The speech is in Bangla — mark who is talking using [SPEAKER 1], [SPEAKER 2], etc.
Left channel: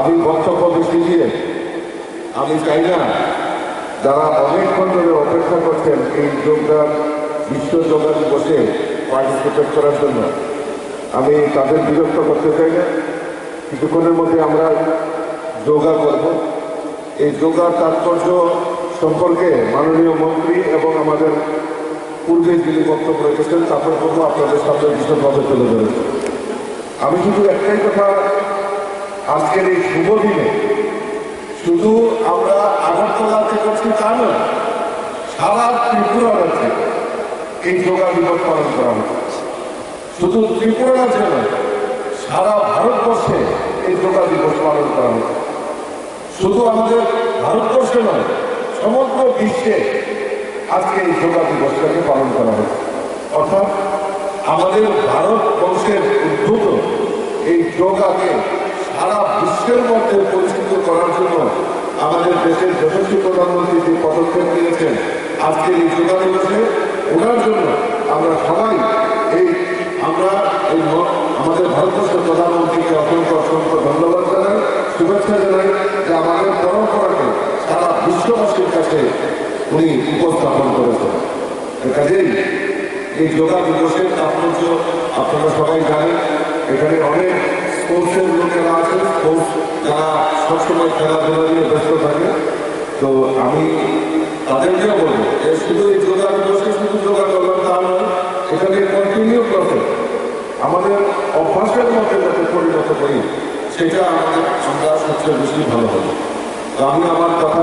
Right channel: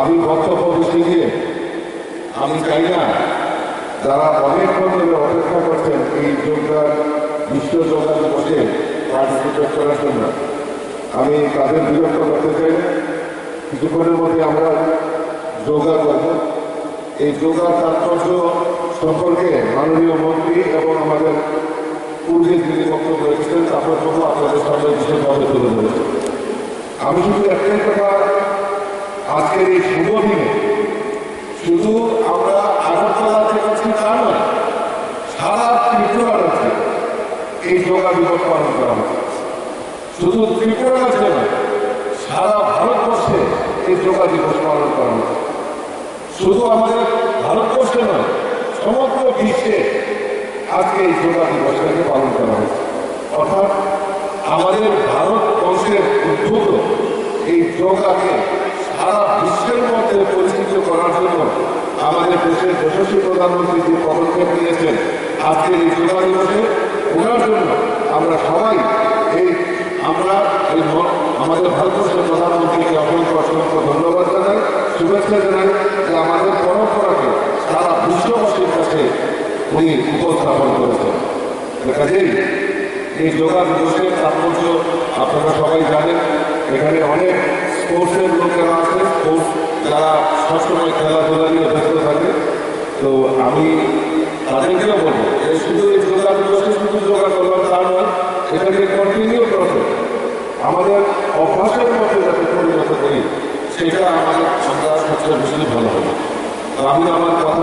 [SPEAKER 1] আমি বক্তব্য বেশি দিয়ে আমি চাই না যারা অনেকক্ষণ ধরে অপেক্ষা করছেন এই যোগদান, বিশ্ব যোগা দিবসে পার্টিসিপেট করার জন্য। আমি তাদের বিরক্ত করতে চাই না। কিছুক্ষণের মধ্যে আমরা যোগা করব। এই যোগার তাৎপর্য সম্পর্কে মাননীয় মন্ত্রী এবং আমাদের পূর্বে যিনি বক্তব্য রেখেছেন, তারপর আপনাদের সামনে বিশেষভাবে তুলে ধরেছেন আমি শুধু একটাই কথা আজকের এই শুভ দিনে শুধু আমরা আগরতলাতে করছি তা নয়, সারা ত্রিপুরা রাজ্যে এই যোগা দিবস পালন করা হচ্ছে। শুধু ত্রিপুরা রাজ্যে নয়, সারা ভারতবর্ষে এই যোগা দিবস পালন করা হচ্ছে। শুধু আমাদের ভারতবর্ষে নয়, সমগ্র বিশ্বে আজকে এই যোগা দিবসটাকে পালন করা হচ্ছে। অর্থাৎ আমাদের ভারতবর্ষের উদ্ভূত এই যোগাকে সারা বিশ্বের মধ্যে পরিচিত করার জন্য আমাদের দেশের যথেষ্ট প্রধানমন্ত্রী যে পদক্ষেপ নিয়েছেন আজকে এই যোগা দিবসে ওনার জন্য আমরা সবাই এই, আমরা এই আমাদের ভারতবর্ষের প্রধানমন্ত্রীকে অসংখ্য অসংখ্য ধন্যবাদ জানাই, শুভেচ্ছা জানাই যে আমাদের পরম্পরাকে সারা বিশ্ববাসীর কাছে উনি উপস্থাপন করেছেন। কাজেই এই যোগা দিবসের তাৎপর্য আপনারা সবাই জানেন, এখানে অনেক স্পোর্টসের লোকেরা আছে স্পোর্টস যারা সবসময় খেলাধুলা নিয়ে ব্যস্ত থাকে। তো আমি তাদেরকেও বলব এর শুধু এই যোগা দিবসে শুধু যোগা করলাম তা নয় এটাকে কন্টিনিউ করতে আমাদের অভ্যাসের মধ্যে যাতে পরিণত করি, সেটা আমাদের আমরা সবচেয়ে বেশি ভালো হবে। তো আমি আমার কথা